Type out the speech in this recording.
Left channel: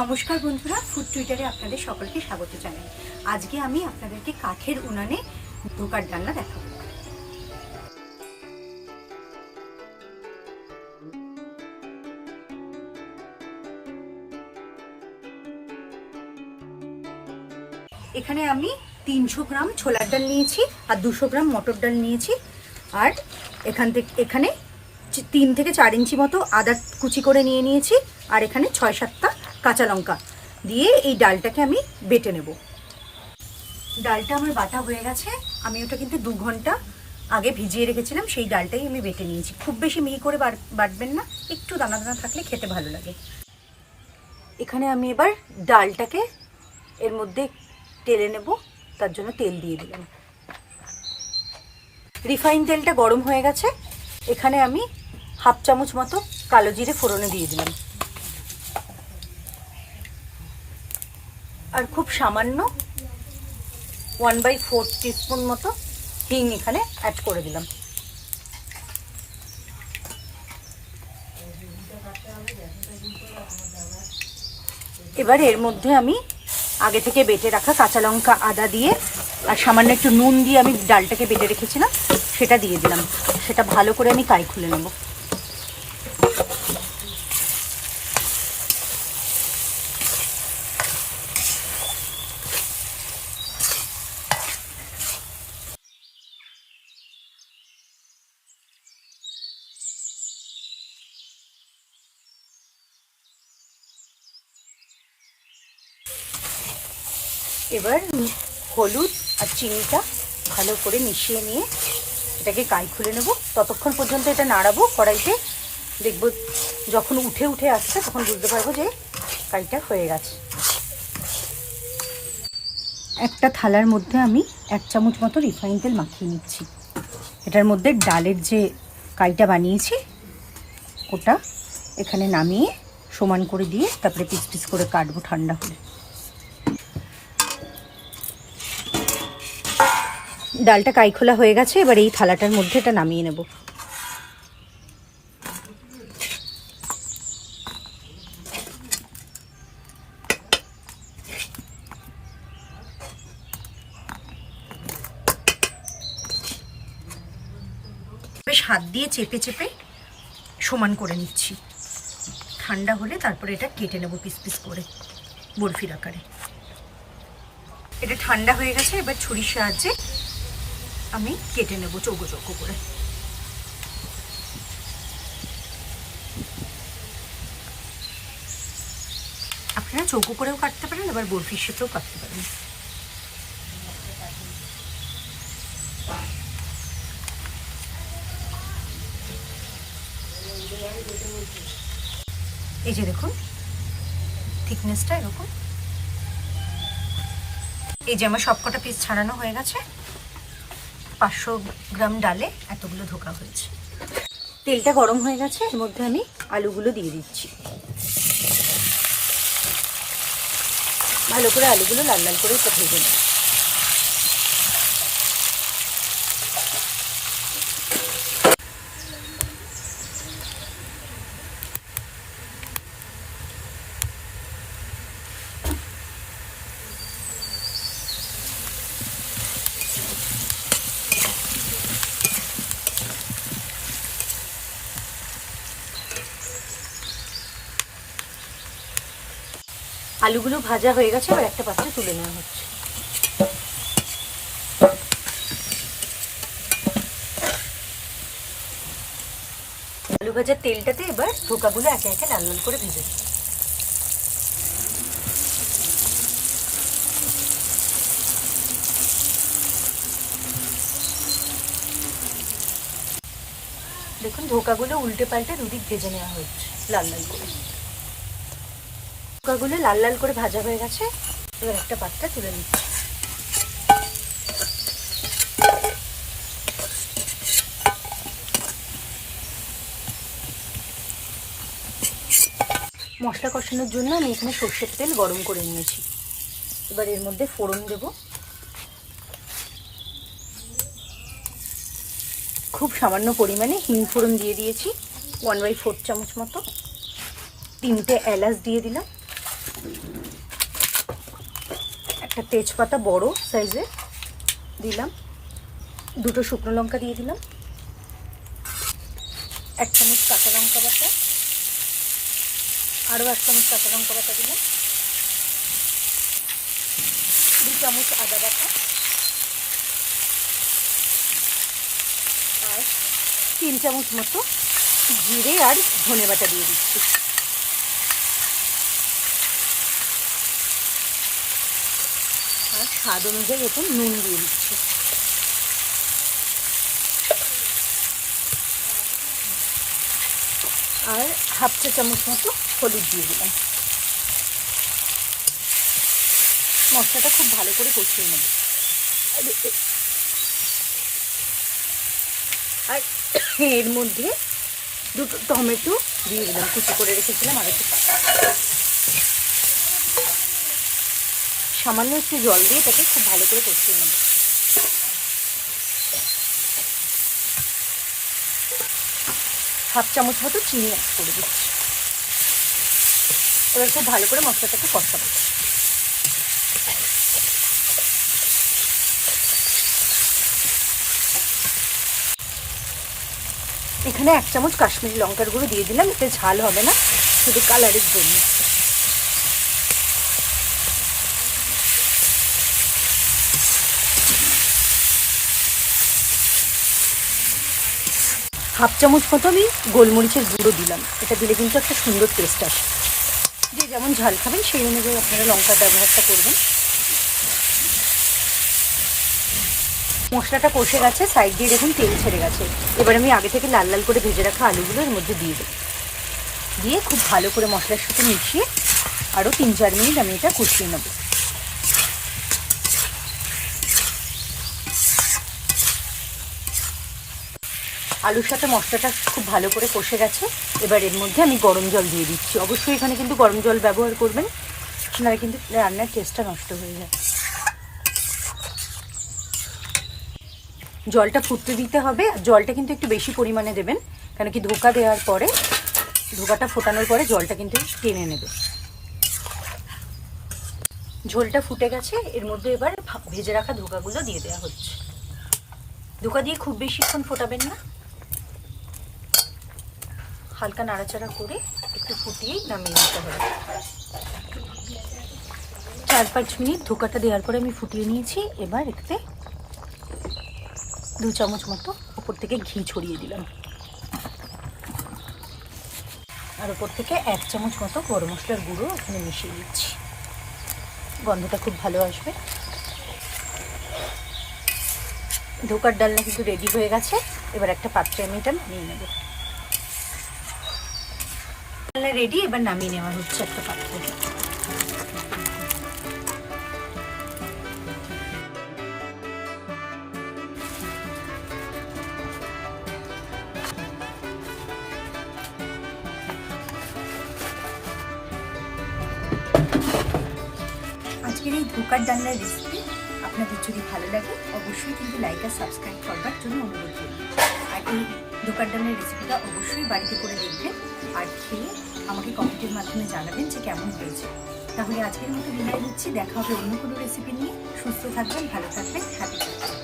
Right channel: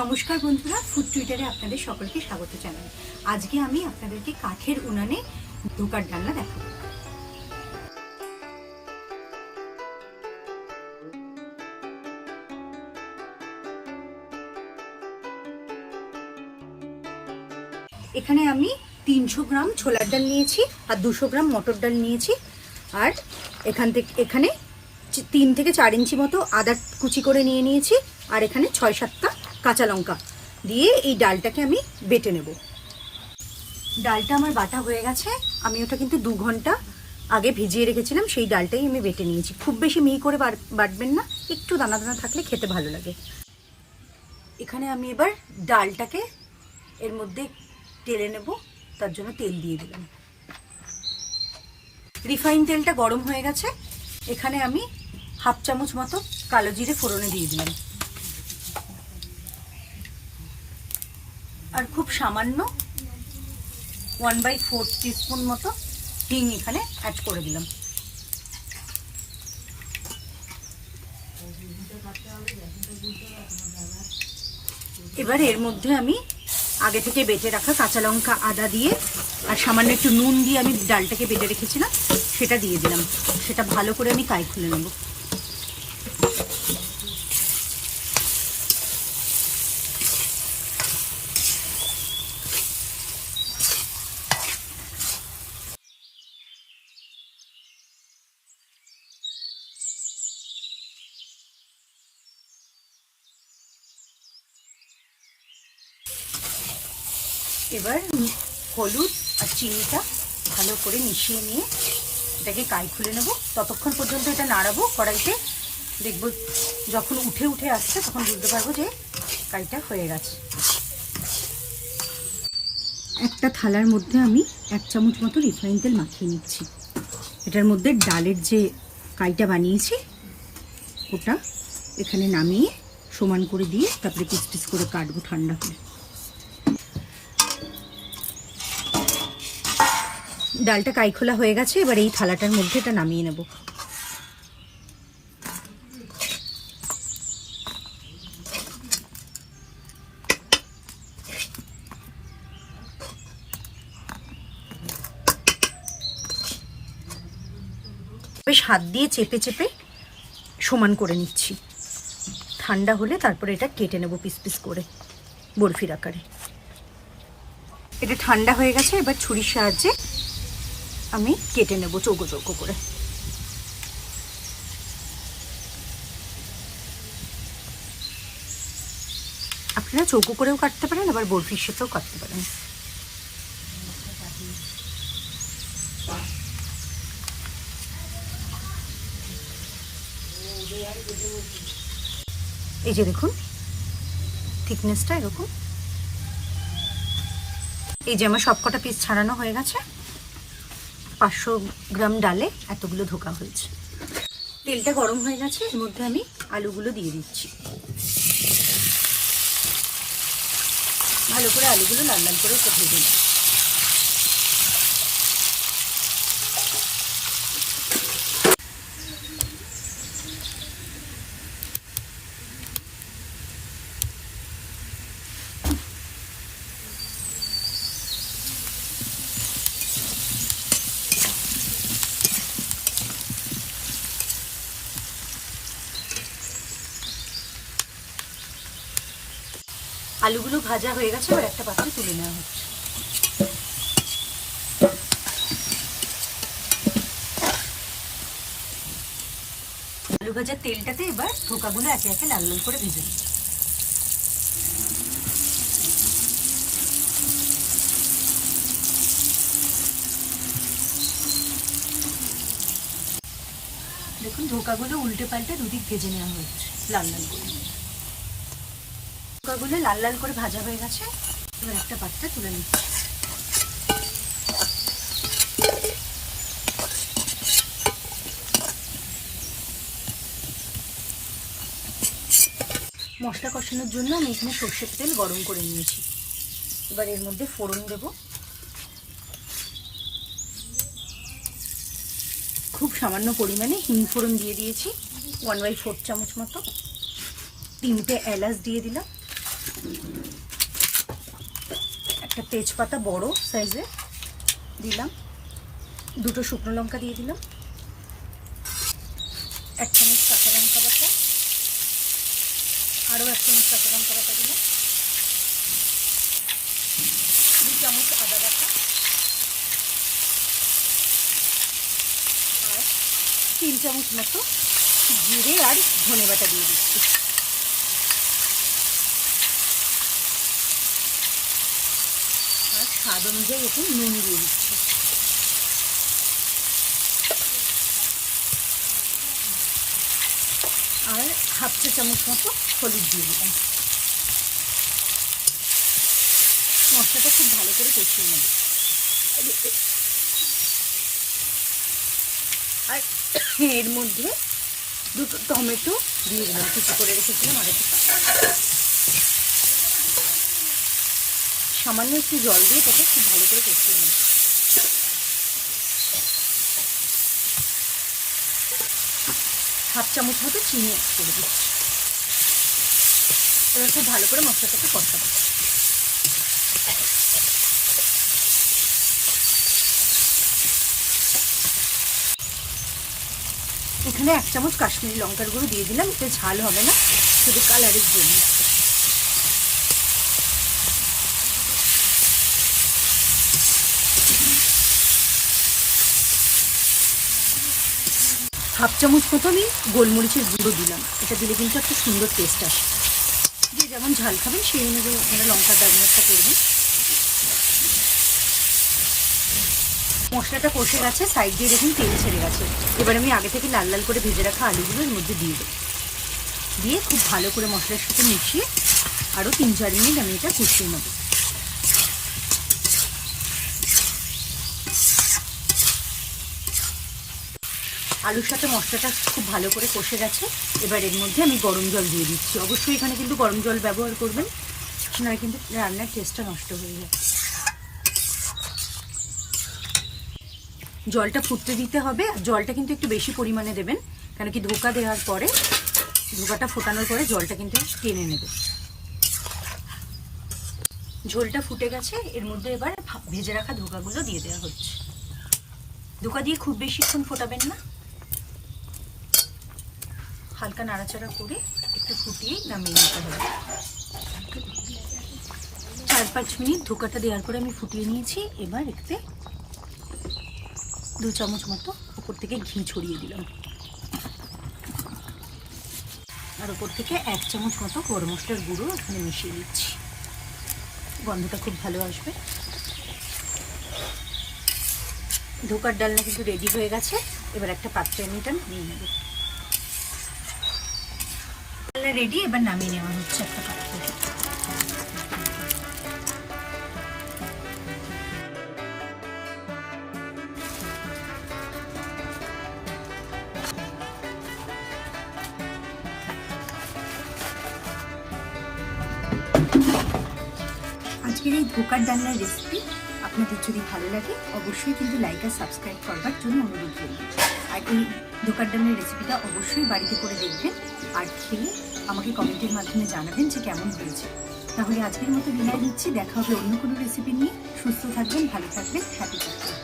নমস্কার বন্ধুরা, ফুড টুইটারে আপনাদের সকলকে স্বাগত জানাই। আজকে আমি আপনাদেরকে কাঠের উনানে ধোকার ডালনা দেখাবো। এখানে আমি 300 গ্রাম ছোলার ডাল নিয়েছি আর 200 গ্রাম মটর ডাল নিয়েছি। আর এখানে 3 থেকে 4 ইঞ্চি মতো আদা কুচি করে নিয়েছি। আর এখানে 6-7টা কাঁচা লঙ্কা দিয়ে এই ডালটাকে আমি বেটে নেব। ডালটা আমার বাটা হয়ে গেছে। আমি ওটা কিন্তু 2 ঘন্টা আগে ভিজিয়ে রেখেছিলাম, সেই ডালটাই আমি বেটে নিয়েছি। খুব বেশি মিহি করে বাটবেন না, একটু দানা দানা থাকলে খেতে ভালো লাগে। এখানে আমি এবার ডালটাকে এর মধ্যে টেলে নেব, তার জন্য তেল দিয়ে দিলাম। রিফাইন তেলটা গরম হয়ে গেছে। এখানে আমি 1/2 চামচ মতো কালো জিরে ফোড়নে দিয়ে দিলাম, আর খুব সামান্য 1/4 টিস্পুন মতো হিং এখানে অ্যাড করে দিলাম। এবার এর মধ্যে আমি আগে থেকে বেটে রাখা কাঁচা লঙ্কা, আদা দিয়ে আর সামান্য একটু নুন দিয়ে আমি ডালটাকে বেটে রেখেছিলাম, সেটা দিয়ে দিলাম। সেটা ভালো করে আমি কাই খুলে নেব। এবার হলুদ আর চিনিটা ভালো করে মিশিয়ে নিয়ে এটাকে কাই খুলে নেব। ততক্ষণ পর্যন্ত এটা নাড়াবো কড়াইতে। দেখব যখন উঠে উঠে আসছে তখন বুঝতে পারবো যে কাইটা হয়ে গেছে। একটা থালার মধ্যে আমি 1 চামচ মতো রিফাইন তেল মাখিয়ে নিচ্ছি। এটার মধ্যে ডালের যে কাইটা বানিয়েছি ওটা এখানে নামিয়ে সমান করে দিয়ে তারপরে পিস পিস করে কাটবো ঠান্ডা হলে। ডালটা কাই খোলা হয়ে গেছে। এবার এই থালাটার মধ্যে এটা নামিয়ে নেব। বেশ হাত দিয়ে চেপে চেপে সমান করে নিচ্ছি। ঠান্ডা হলে তারপরে এটা কেটে নেব পিস পিস করে বরফির আকারে। এটা ঠান্ডা হয়ে গেছে। এবার ছুরির সাহায্যে আমি কেটে নেব চৌকো চৌকো করে। আপনারা চৌকো করেও কাটতে পারেন, আবার বরফির সাথেও কাটতে পারেন। এই যে দেখুন থিকনেসটা এরকম। এই যে আমার সবকটা পিস ছাড়ানো হয়ে গেছে। 500 গ্রাম ডালে এতগুলো ধোকা হয়েছে। তেলটা গরম হয়ে গেছে। এর মধ্যে আমি আলুগুলো দিয়ে দিচ্ছি। ভালো করে আলুগুলো লাল লাল করে ভেজে নিই। আলুগুলো ভাজা হয়ে গেছে। এবার একটা পাত্রে তুলে নেওয়া হচ্ছে। আলু ভাজার তেলটাতে এবার ধোকাগুলো একে একে লাল লাল করে ভেজে দিই। দেখুন ধোকাগুলো উল্টে পাল্টে দুদিক ভেজে নেওয়া হচ্ছে লাল লাল করে। ধোকাগুলো লাল লাল করে ভাজা হয়ে গেছে। এবার একটা পাত্রে তুলে নিচ্ছি। মশলা কষানোর জন্য আমি এখানে সরষের তেল গরম করে নিয়েছি। এবার এর মধ্যে ফোড়ন দেব। খুব সামান্য পরিমাণে হিং ফোড়ন দিয়ে দিয়েছি 1/4 চামচ মতো। 3টে এলাচ দিয়ে দিলাম। একটা তেজপাতা বড় সাইজে দিলাম, 2টো শুকনো লঙ্কা দিয়ে দিলাম, 1 চামচ কাঁচা লঙ্কা বাটা, আরও 1 চামচ কাঁচা লঙ্কা বাটা দিলাম, 2 চামচ আদা বাটা আর 3 চামচ মতো জিরে আর ধনে বাটা দিয়ে দিচ্ছি। আর স্বাদ অনুযায়ী একটু নুন দিয়ে দিচ্ছি। আর 1/2 চা চামচ মতো হলুদ দিয়ে দিলাম। মশলাটা খুব ভালো করে কষিয়ে নেব। আর এর মধ্যে 2টো টমেটো দিয়ে দিলাম, কুচি করে রেখেছিলাম। আর একটু সামান্য একটু জল দিয়ে তাকে খুব ভালো করে কষিয়ে নেব। হাফ চামচ মতো চিনি অ্যাড করে দিচ্ছি। এবার খুব ভালো করে মশলাটাকে কষাবো। এখানে 1 চামচ কাশ্মীরি লঙ্কার গুঁড়ো দিয়ে দিলাম, এতে ঝাল হবে না, শুধু কালারের জন্য। হাফ চামচ মতো আমি গোলমরিচের গুঁড়ো দিলাম, এটা দিলে কিন্তু একটা সুন্দর টেস্ট আসে। যে যেমন ঝাল খাবেন সেই অনুযায়ী আপনারা লঙ্কার ব্যবহারটা করবেন। মশলাটা কষে গেছে, সাইড দিয়ে দেখুন তেল ছেড়ে গেছে। এবার আমি আগে থেকে লাল লাল করে ভেজে রাখা আলুগুলো এর মধ্যে দিয়ে দেবো। দিয়ে খুব ভালো করে মশলার সাথে মিশিয়ে আরও 3-4 মিনিট আমি এটা কষিয়ে নেব। আলুর সাথে মশলাটা খুব ভালো করে কষে গেছে। এবার এর মধ্যে আমি গরম জল দিয়ে দিচ্ছি। অবশ্যই এখানে কিন্তু গরম জল ব্যবহার করবেন, নাহলে কিন্তু রান্নার টেস্টটা নষ্ট হয়ে যায়। জলটা ফুটতে দিতে হবে। জলটা কিন্তু একটু বেশি পরিমাণে দেবেন, কারণ কি ধোকা দেওয়ার পরে, ধোকাটা ফোটানোর পরে জলটা কিন্তু টেনে নেবে। ঝোলটা ফুটে গেছে, এর মধ্যে এবার ভেজে রাখা ধোকাগুলো দিয়ে দেওয়া হচ্ছে। ধোকা দিয়ে খুব বেশিক্ষণ ফোটাবেন না, হালকা নাড়াচাড়া করে একটু ফুটিয়েই নামিয়ে নিতে হবে। 4-5 মিনিট ধোকাটা দেওয়ার পরে আমি ফুটিয়ে নিয়েছি। এবার এতে 2 চামচ মতো উপর থেকে ঘি ছড়িয়ে দিলাম, আর উপর থেকে 1 চামচ মতো গরম মশলার গুঁড়ো এখানে মিশিয়ে দিচ্ছি। গন্ধটা খুব ভালো আসবে। ধোকার ডালনা কিন্তু রেডি হয়ে গেছে। এবার একটা পাত্রে আমি এটা নিয়ে নেব। ডালনা রেডি, এবার নামিয়ে নেওয়া হচ্ছে একটা পাত্রে। আজকের এই ধোকার ডালনার রেসিপি আপনাদের যদি ভালো লাগে অবশ্যই কিন্তু লাইক আর সাবস্ক্রাইব করবার জন্য অনুরোধ করি। আর এই ধোকার ডালনার রেসিপিটা অবশ্যই বাড়িতে করে দেখবেন, আর খেয়ে আমাকে কমেন্টের মাধ্যমে জানাবেন যে কেমন হয়েছে। তাহলে আজকের মতো বিদায় নিচ্ছি। দেখা হবে অন্য কোনো রেসিপি নিয়ে। সুস্থ থাকবেন, ভালো থাকবেন, সাথে থাকবেন।